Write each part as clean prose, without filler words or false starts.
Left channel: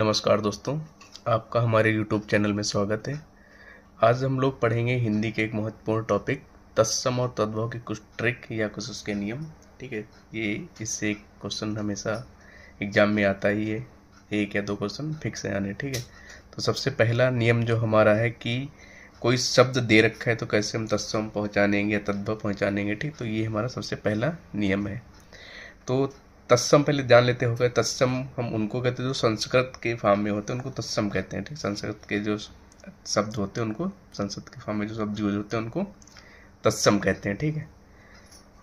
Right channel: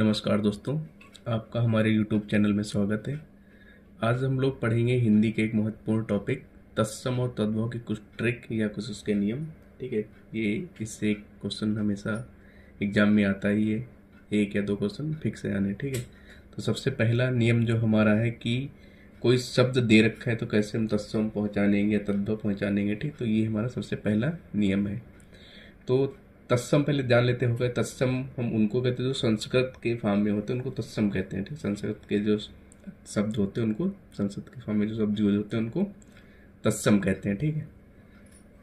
नमस्कार दोस्तों, आपका हमारे YouTube चैनल में स्वागत है। आज हम लोग पढ़ेंगे हिंदी के एक महत्वपूर्ण टॉपिक तत्सम और तद्भव के कुछ ट्रिक या कुछ उसके नियम। ठीक है, ये इससे एक क्वेश्चन हमेशा एग्जाम में आता ही है, एक या दो क्वेश्चन फिक्स है आने। ठीक है, तो सबसे पहला नियम जो हमारा है कि कोई शब्द दे रखा है तो कैसे हम तत्सम पहुँचानेंगे या तद्भव पहुँचानेंगे। ठीक, तो ये हमारा सबसे पहला नियम है। तो तत्सम पहले जान लेते हो गए। तत्सम हम उनको कहते हैं जो संस्कृत के फॉर्म में होते हैं, उनको तत्सम कहते हैं। ठीक, संस्कृत के जो शब्द होते हैं उनको, संस्कृत के फॉर्म में जो शब्द यूज होते हैं उनको तत्सम कहते हैं। ठीक है,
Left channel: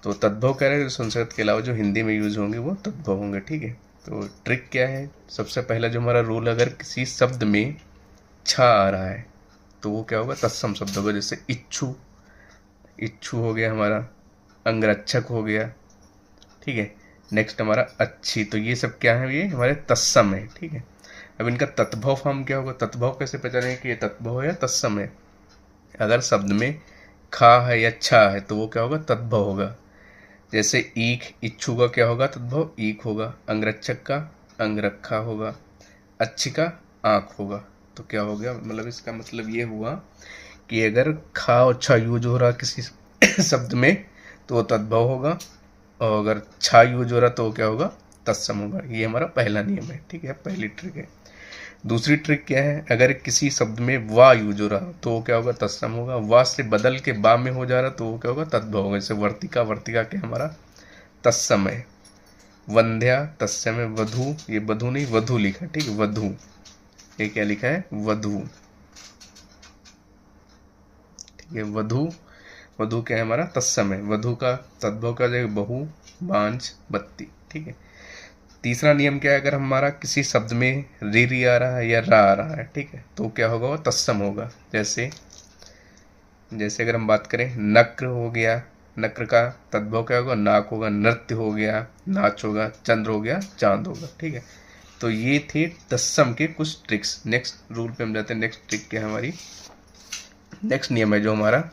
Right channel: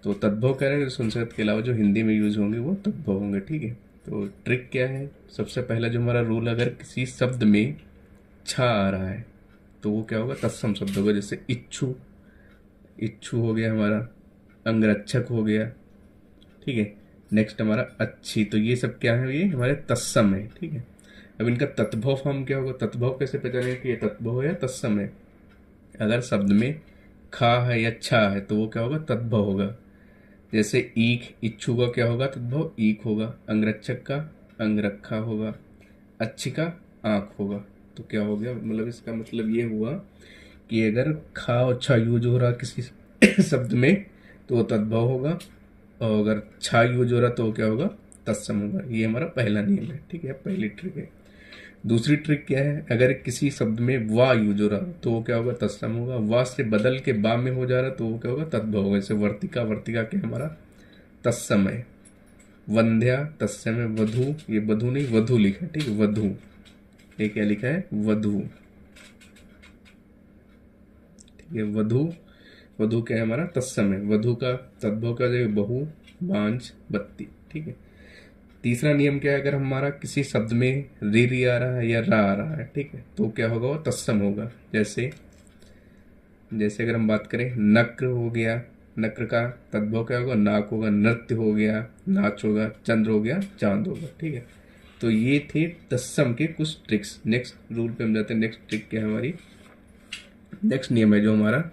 तो तद्भव कह रहे हैं जो संस्कृत के अलावा जो हिंदी में यूज होंगे वो तद्भव होंगे। ठीक है, तो ट्रिक क्या है, सबसे पहला जो हमारा रूल, अगर किसी शब्द में छ आ रहा है तो वो क्या होगा, तत्सम शब्द होगा। जैसे इच्छु, इच्छु हो गया हमारा, अंगरक्षक हो गया। ठीक है, नेक्स्ट हमारा अच्छी, तो ये सब क्या है, ये हमारे तत्सम है। ठीक है, अब इनका तत्भव फॉर्म क्या होगा, तत्भव कैसे पहचानेंगे कि ये तत्भव है या तत्सम है। अगर शब्द में खा है या छा है तो वो क्या होगा, तत्भव होगा। जैसे ईख, इच्छु का क्या होगा, तत्भव ईख होगा। अंगरक्षक का अंगरखा होगा। अच्छी का आँख होगा। तो क्या हो गया, मतलब इसका मतलब ये हुआ कि अगर खा और छा यूज हो रहा किसी शब्द में तो वो तद्भव होगा, और अगर छा यूज हो रहा तो क्या होगा, तत्सम होगा। ये हमारा पहला नियम है। ठीक है, पहली ट्रिक है। दूसरी ट्रिक क्या है, अगर किसी शब्द में वा यूज हो रहा तो वो क्या होगा, तत्सम होगा। वा से बदल के बा में हो जा रहा तो वो क्या होगा, तद्भव होगा। जैसे वर्तिका, वर्तिका क्या हमारा तत्सम है। वंध्या तत्सम है। वधु, ये वधु नहीं वधु लिखा है। ठीक है, वधु, ये क्या लिखा है, वधु। ठीक है, वधु, वधु क्या है हमारा तत्सम है। वधु का तद्भव क्या हो जाएगा, बहु, बांझ, बत्ती। ठीक है, तीसरा नियम क्या है, अगर हमारा किसी शब्द में री आ रहा है या रा आ रहा है, ठीक है, तो क्या होगा, वो तत्सम होगा। जैसे जैसे अगर हम बात करें, नक्र हो गया, नक्र का तद्भव क्या होगा, नाक होगा। नृत्य हो गया, नाच होगा। चंद्र हो गया, चांद होगा। ठीक है, तो ये थे तत्सम के कुछ ट्रिक्स। नेक्स्ट रूल पे हम जाते हैं। नेक्स्ट ट्रिक क्या है हमारी, नेक्स्ट नियम है जो हमारा,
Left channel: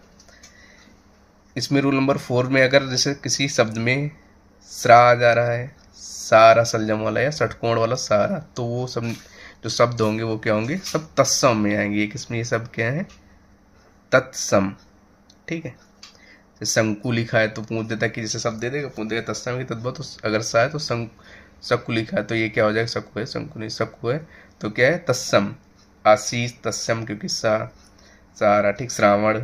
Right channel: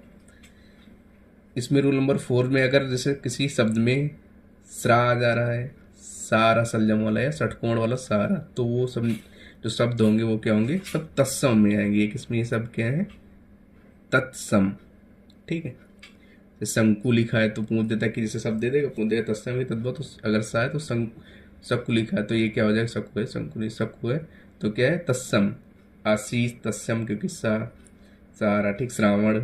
इसमें रूल नंबर 4 में अगर जैसे किसी शब्द में स्रा आ जा रहा है, सारा सलजम वाला या षटकोण वाला सारा, तो वो सब जो शब्द होंगे वो क्या होंगे, सब तत्सम में आएंगे। किसमें ये सब क्या है, तत्सम। ठीक है, जैसे शंकु लिखा है तो पूछ देता है कि जैसे शब्द दे देगा, पूछ देगा तत्सम ही तद्भव। तो अगर सा है तो सकु लिखा है तो ये क्या हो जाएगा, सकु है। शंकु नहीं, सकु है तो क्या है, तत्सम। आशीष तत्सम, क्योंकि सारा। ठीक, श्रावण,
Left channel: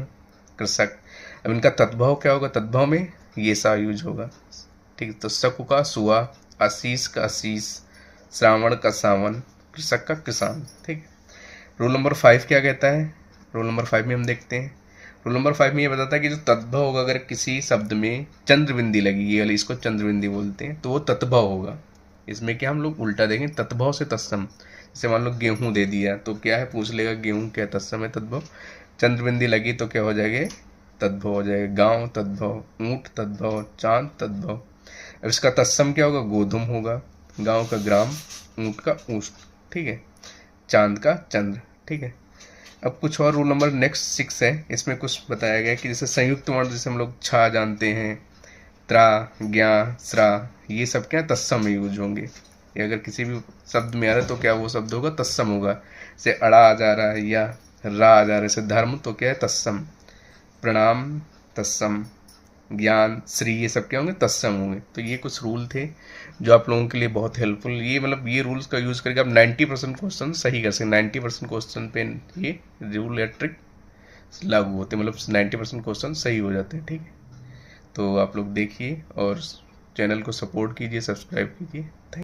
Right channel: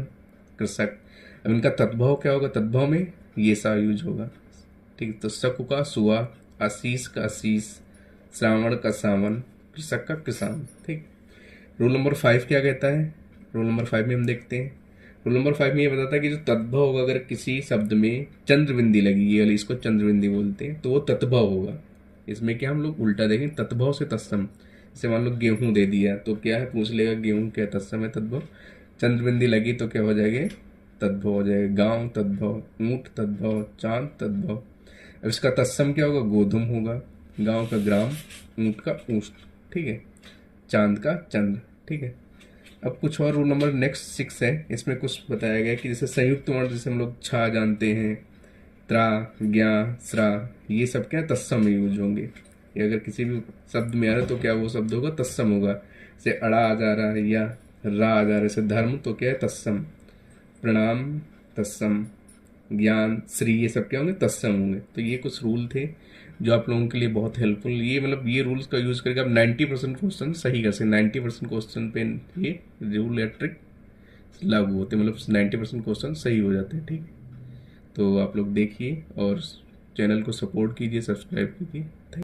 कृषक। अब इनका तद्भव क्या होगा, तद्भव में ये सा यूज होगा। ठीक, तो सकु का सुआ, आशीष का आशीष, श्रावण का सावन, कृषक का किसान। ठीक, रूल नंबर 5 क्या कहता है, रूल नंबर 5 में हम देखते हैं। रूल नंबर 5 में ये बताता है कि जो तद्भव होगा, अगर किसी शब्द में चंद्रबिंदी लगी, ये वाली इसको चंद्रबिंदी बोलते हैं, तो वो तद्भव होगा। इसमें क्या हम लोग उल्टा देंगे, तद्भव से तत्सम। जैसे मान लो गेहूं दे दिया तो क्या है, पूछ लेगा गेहूं क्या तत्सम है, तद्भव। चंद्रबिंदी लगी तो क्या हो जाएगा, तद्भव हो जाएगा। गांव तद्भव, ऊंट तद्भव, चांद तद्भव। अब इसका तत्सम क्या होगा, गोधुम होगा। गांव का ग्राम, ऊंट का ऊष्ट। ठीक है, चांद का चंद्र। ठीक है, अब कुछ और रूल नंबर नेक्स्ट 6 है। इसमें कुछ बताया गया कि जैसे संयुक्त वर्ण, जैसे हम लोग छा जानते हैं, त्रा, ज्ञा, स्रा, ये सब क्या तत्सम में यूज होंगे। ये अगर किसी भी शब्द में आ रहा है तो क्या वो शब्द होगा, तत्सम होगा। जैसे अड़ा आ जा रहा है या रा आ जा रहा है, जैसे धर्म, तो क्या है, तत्सम। प्रणाम तत्सम, ज्ञान, श्री, ये सब क्या होंगे, तत्सम होंगे। तो ये कुछ रूल थे जो आप लोगों के लिए बहुत हेल्पफुल, ये मतलब ये रूल्स का यूज़ करके आप 90% क्वेश्चन सही कर सकते। 90% क्वेश्चन पे ये रूल या ट्रिक लागू होते हैं, मतलब 90% क्वेश्चन सही हो जाते हैं। ठीक है, तो आप लोग देखिए और चैनल को सपोर्ट कीजिए, सब्सक्राइब कीजिए।